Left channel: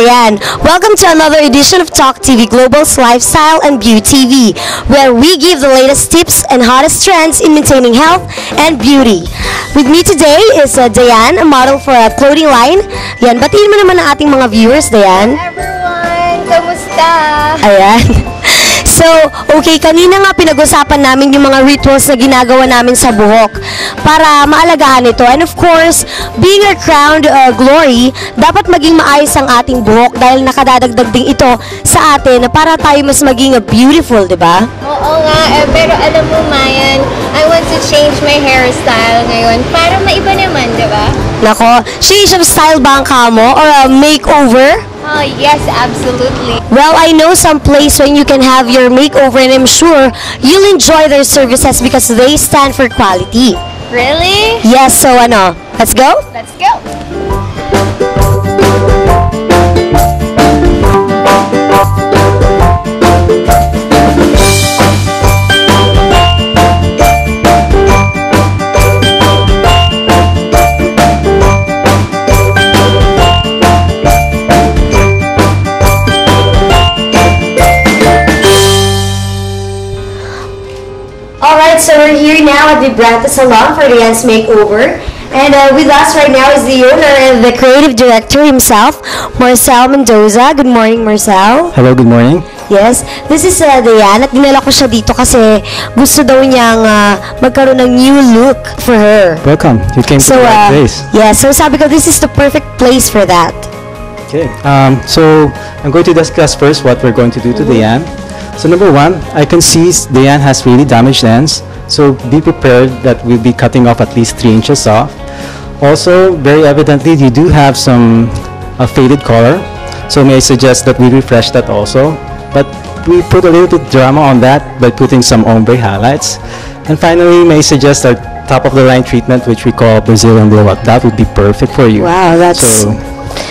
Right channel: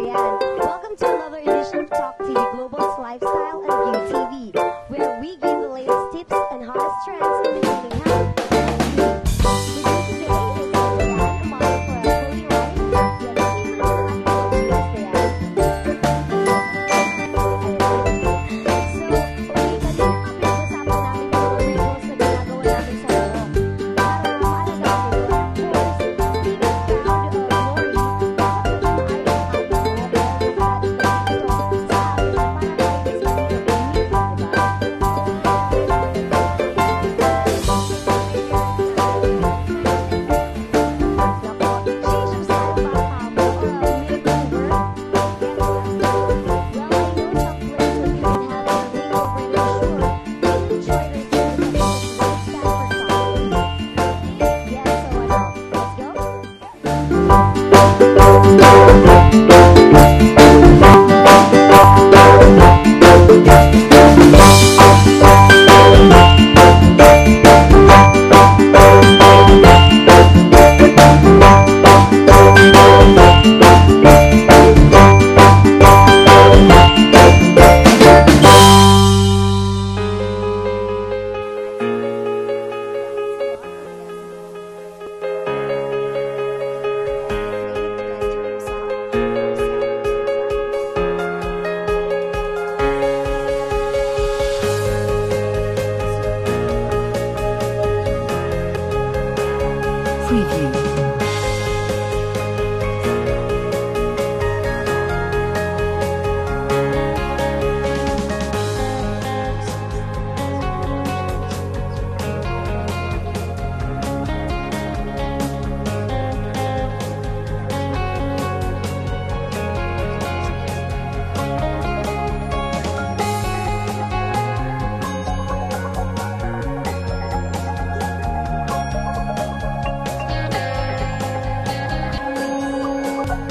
Ayan, welcome to another edition of TalkTVGlobal's Lifestyle and BeauTV, where we give the latest tips and hottest trends in maintaining health and beauty. With me today is Diane, a model for a clothing line. Yan, batiin mo naman ang ating mga viewers, Diane. Everyone, kamusta? Ayan. So, okay, kanina nga pinag-usapan namin yung mga rituals na ginagawa namin sa buhok para maalagaan ito. And of course, being a crowned glory, dapat maging maayos ang ating buhok dahil nakadadagdag din ito sa atin na para tayo mas maging beautiful, di ba? Oo nga, pero alam mo, Mayan, I want to change my hairstyle ngayon para maiba naman, di ba? Nako, change of style ba ang kamo or a makeover? Oh, yes, absolutely. Well, I know some place when you can have your makeover and I'm sure you'll enjoy their services because they stand for quality. Really? Yes, so ano, let's go? Let's go. So we're here now at the Vibrante Salon for Diane's makeover. And with us right now is the owner and the creative director himself, Marcel Mendoza. Good morning, Marcel. Hello, good morning. Yes, this is Diane at dinala ko siya dito kasi gusto daw niyang magkaroon ng new look for her. Welcome. You came to the right place. Yeah, so sabi ko this is the perfect place for that. Okay. So I'm going to discuss first what we're going to do to Diane. So number one, I can see Diane has really damaged ends. So be prepared that we'll be cutting off at least 3 inches off. Also, very evidently, you do have some faded color. So may I suggest that we refresh that also. But we put a little bit drama on that by putting some ombre highlights. And finally, may I suggest our top-of-the-line treatment, which we call Brazilian roll-up. That would be perfect for you. Wow, that's... So,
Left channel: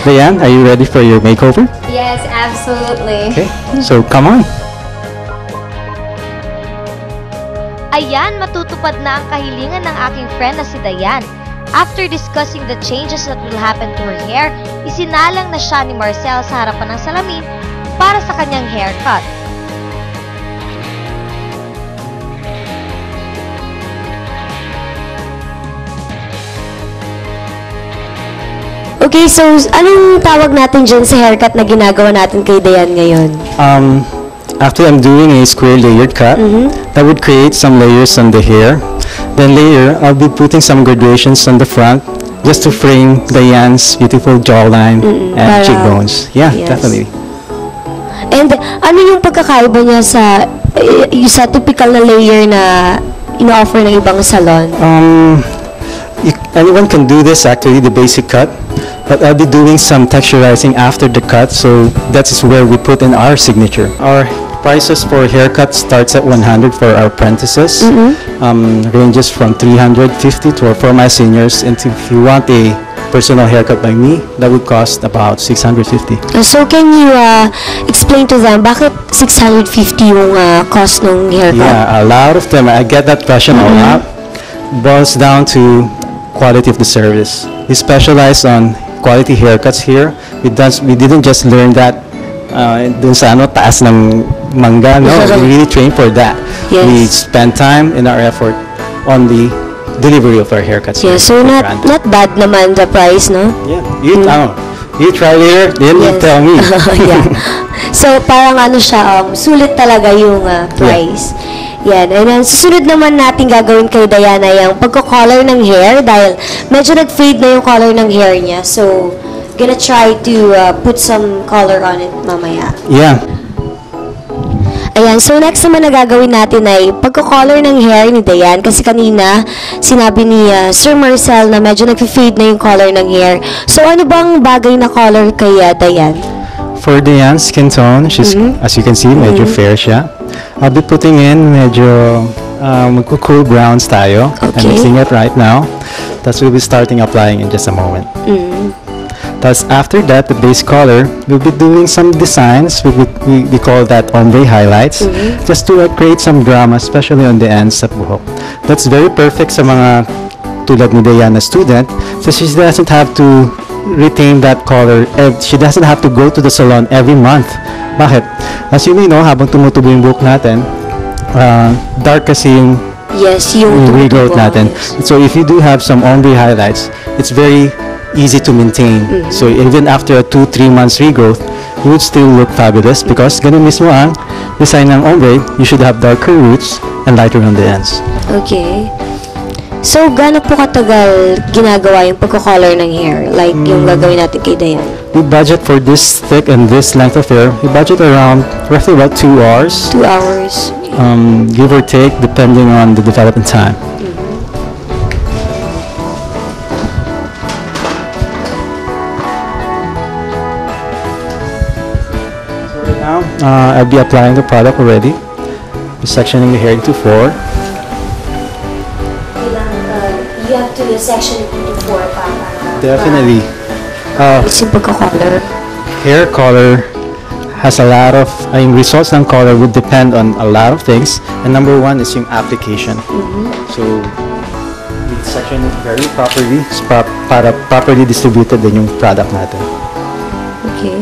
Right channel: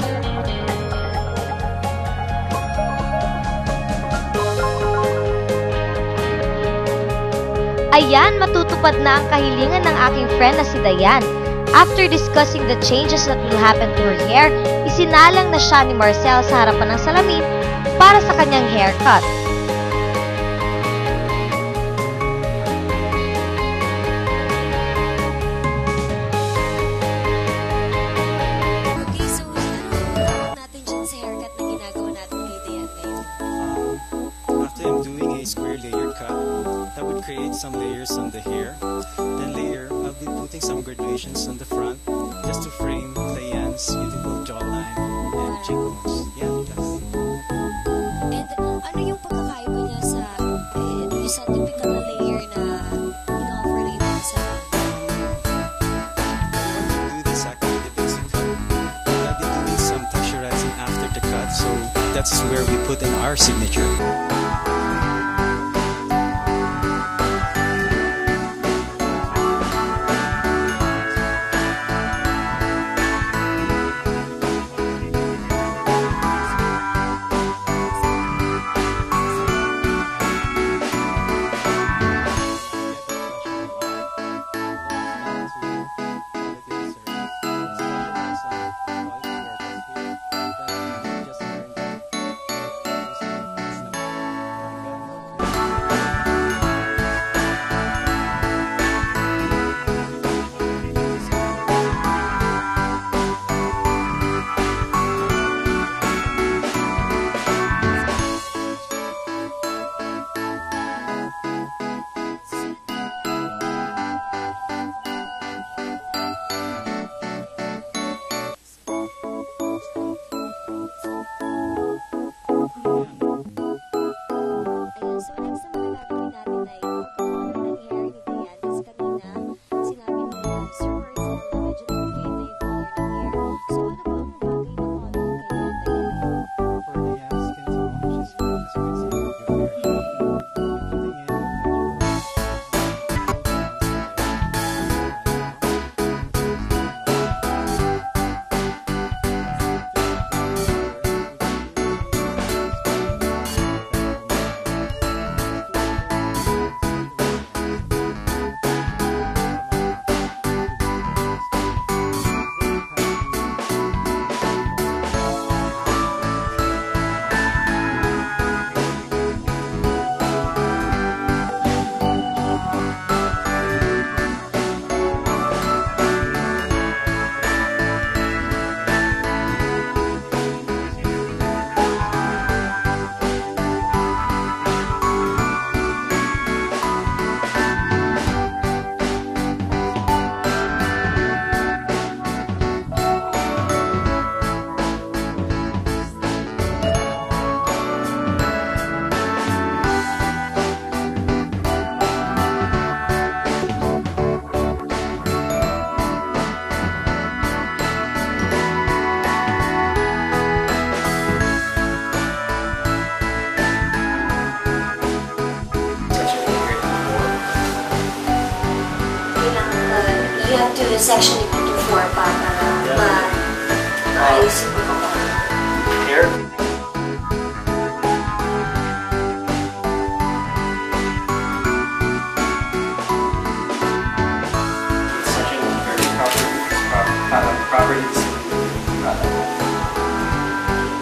Diane, are you ready for your makeover? Yes, absolutely. Okay, so come on. Ayan, matutupad na ang kahilingan ng aking friend na si Diane. After discussing the changes that will happen to her hair, isinalang na siya ni Marcel sa harapan ng salamin para sa kanyang haircut. Okay, so anong tawag natin dyan sa haircut na ginagawa natin kay Diane ngayon? After I'm doing a square layered cut, that would create some layers on the hair. Then later, I'll be putting some graduations on the front just to frame Diane's beautiful jawline and cheekbones. Yeah, yes. Definitely. And ano yung pagkakaiba niya sa typical na layer na ino-offer ng ibang salon? Anyone can do this actually, the basic cut. But I'll be doing some texturizing after the cut, so that's where we put in our signature. Our prices for haircut starts at 100 for our apprentices, ranges from 350 to for my seniors, and if you want a personal haircut by me, that would cost about 650. So can you explain to them bakit 650 yung cost ng haircut? Yeah, a lot of them, I get that question a lot. Boils down to quality of the service. We specialize on quality haircuts here. We didn't just learn that dun sa taas ng mangga. No, we really train for that. Yes. We spend time and our effort on the delivery of our haircuts. Yeah, so not bad naman the price, no? Yeah, you try here, then you tell me. Yeah. So parang ano siya, sulit talaga yung price. Yan. And then, susunod naman natin gagawin kay Diana yung pagko-color ng hair dahil medyo nag-fade na yung color ng hair niya. So, gonna try to put some color on it mamaya. Yeah. Ayan. So, next naman na gagawin natin ay pagko-color ng hair ni Diane kasi kanina sinabi ni Sir Marcel na medyo nag-fade na yung color ng hair. So, ano bang bagay na color kay Diane? For Diane's skin tone, she's, as you can see, medyo fair siya. I'll be putting in medyo cool browns tayo. Okay. I'm mixing it right now. That's we'll be starting applying in just a moment. Thus, after that, the base color, we'll be doing some designs. We call that ombre highlights, just to create some drama, especially on the ends of buhok. That's very perfect sa mga tulad ni Diana student, so she doesn't have to retain that color and she doesn't have to go to the salon every month. Bakit? As you may know, habang tumutubo yung buhok natin, dark kasi yung Yes, yung regrowth natin. So if you do have some ombre highlights, it's very easy to maintain. So even after a 2-3 months regrowth, you would still look fabulous because ganun mismo ang design ng ombre. You should have darker roots and lighter on the ends. Okay. So, gaano po katagal ginagawa yung pagko-color ng hair? Like, yung gagawin natin kay Dayan? We budget for this thick and this length of hair. We budget around roughly about 2 hours. 2 hours. Give or take, depending on the development time. So now, I'll be applying the product already. Sectioning the hair into 4. You have to section it into 4 para... Definitely. It's yung pagko-color. Hair color has a lot of, results ng color would depend on a lot of things. And number 1 is yung application. So, it's sectioned very properly para properly distributed din yung product natin. Okay.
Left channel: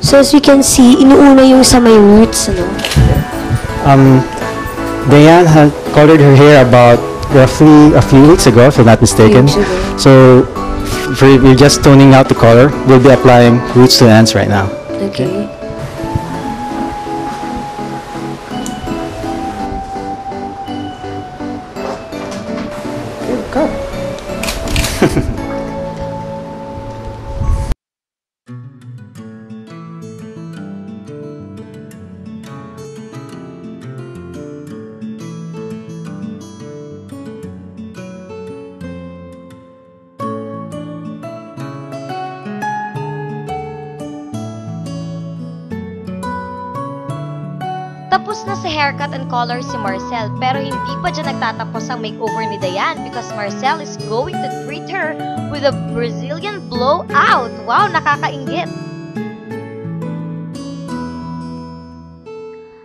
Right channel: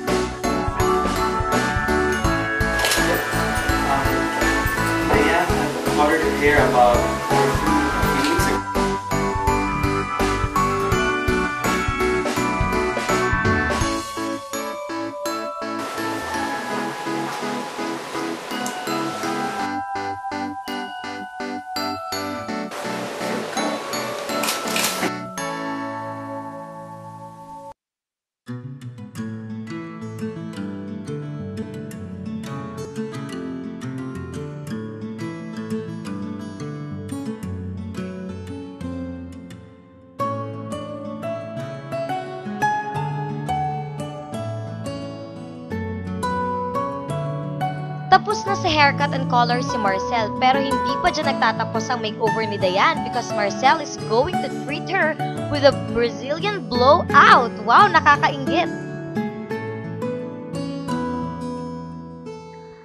So, as we can see, inuuna yung sa may roots, ano? Diane had colored her hair about roughly a few weeks ago, if I'm not mistaken. So, we're just toning out the color. We'll be applying roots to ends right now. Okay. Go. Tapos na sa haircut and color si Marcel, pero hindi pa dyan nagtatapos ang makeover ni Diane because Marcel is going to treat her with a Brazilian blowout. Wow, nakakainggit!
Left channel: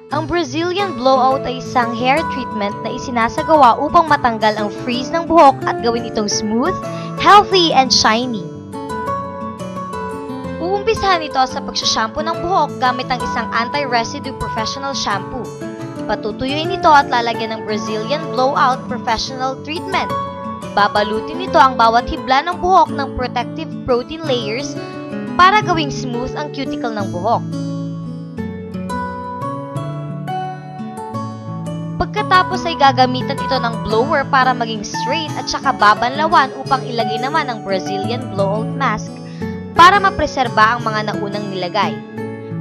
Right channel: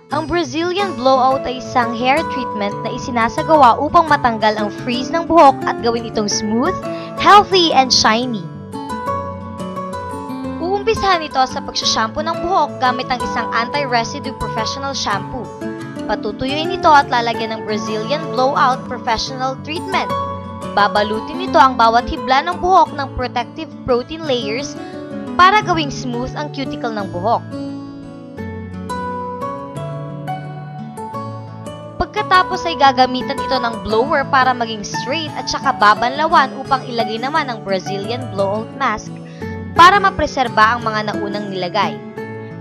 Ang Brazilian blowout ay isang hair treatment na isinasagawa upang matanggal ang frizz ng buhok at gawin itong smooth, healthy, and shiny. Uumpisahan ito sa pagsashampoo ng buhok gamit ang isang anti-residue professional shampoo. Patutuyuin ito at lalagyan ng Brazilian blowout professional treatment. Babalutin nito ang bawat hibla ng buhok ng protective protein layers para gawing smooth ang cuticle ng buhok. Pagkatapos ay gagamitan ito ng blower para maging straight at saka babanlawan upang ilagay naman ang Brazilian blowout mask para mapreserba ang mga naunang nilagay.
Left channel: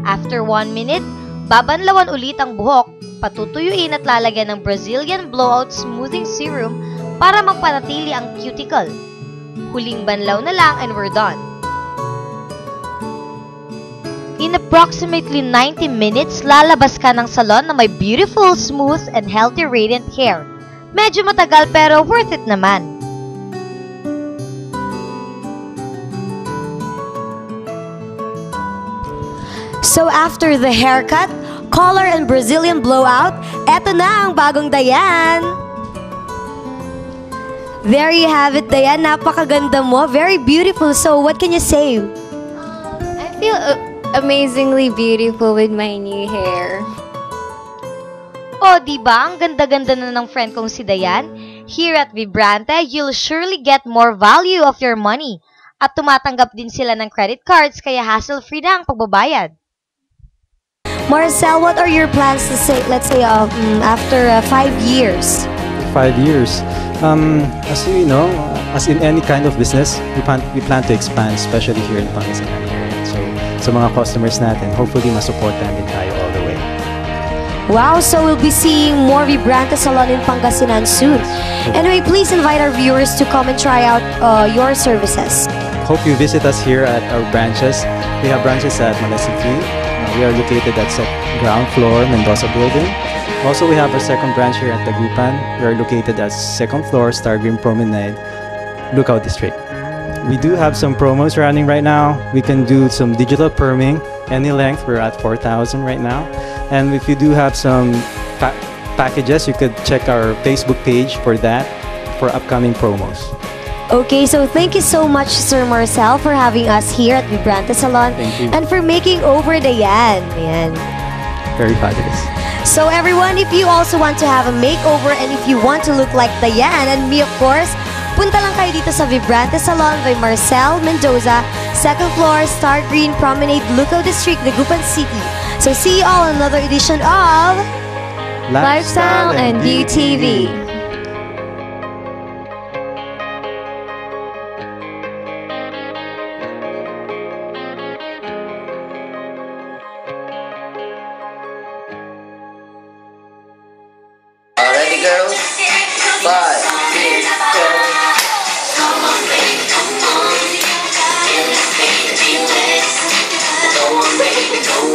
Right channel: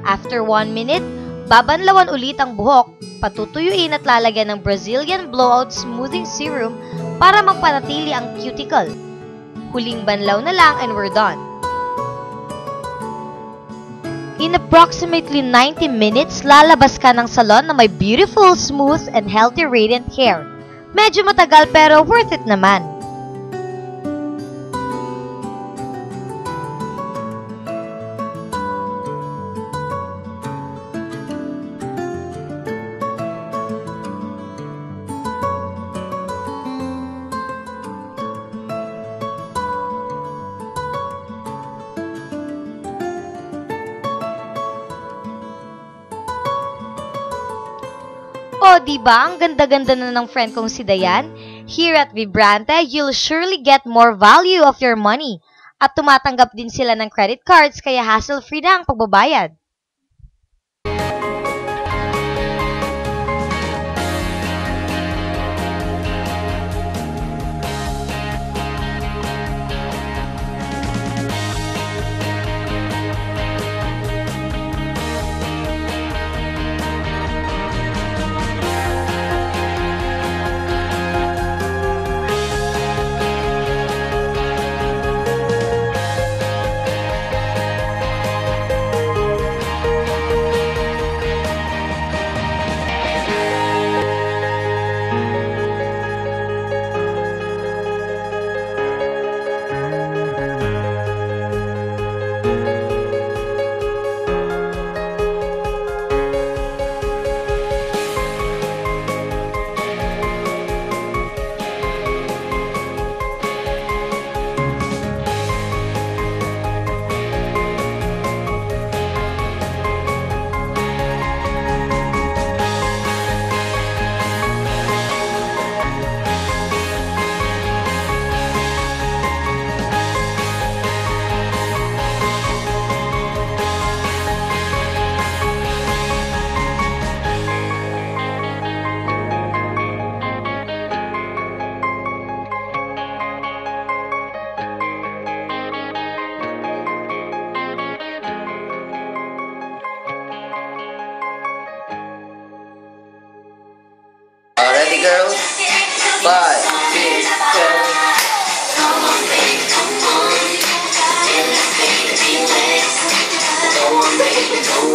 After 1 minute, babanlawan ulit ang buhok, patutuyuin at lalagyan ng Brazilian blowout smoothing serum para magpanatili ang cuticle. Huling banlaw na lang and we're done. In approximately 90 minutes, lalabas ka ng salon na may beautiful, smooth, and healthy radiant hair. Medyo matagal pero worth it naman. So after the haircut, color, and Brazilian blowout, eto na ang bagong Diane! There you have it, Diane. Napakaganda mo. Very beautiful. So what can you say? I feel amazingly beautiful with my new hair. O, diba? Ang ganda-ganda na ng friend kong si Diane. Here at Vibrante, you'll surely get more value of your money. At tumatanggap din sila ng credit cards, kaya hassle-free na ang pagbabayad. Marcel, what are your plans to say, let's say, after 5 years? 5 years. As you know, as in any kind of business, we plan to expand, especially here in Pangasinan. So, sa mga customers natin, hopefully ma-support natin tayo all the way. Wow, so we'll be seeing more Vibrante Salon in Pangasinan soon. Anyway, please invite our viewers to come and try out your services. Hope you visit us here at our branches. We have branches at Manasiki. We are located at ground floor, Mendoza Building. Also, we have a second branch here at Tagupan. We are located at second floor, Stargreen Promenade, Lookout District. We do have some promos running right now. We can do some digital perming, any length. We're at 4,000 right now. And if you do have some packages, you could check our Facebook page for that, for upcoming promos. Okay, so thank you so much, Sir Marcel, for having us here at Vibrante Salon and for making over Dayan. Ayan. Very fabulous. So everyone, if you also want to have a makeover and if you want to look like Dayan and me, of course, punta lang kayo dito sa Vibrante Salon by Marcel Mendoza, 2nd floor, Star Green Promenade, Lucao District, Dagupan City. So see you all in another edition of Lifestyle and BeauTV. Ready, girls? 5, 6, 7. Come on, baby, go.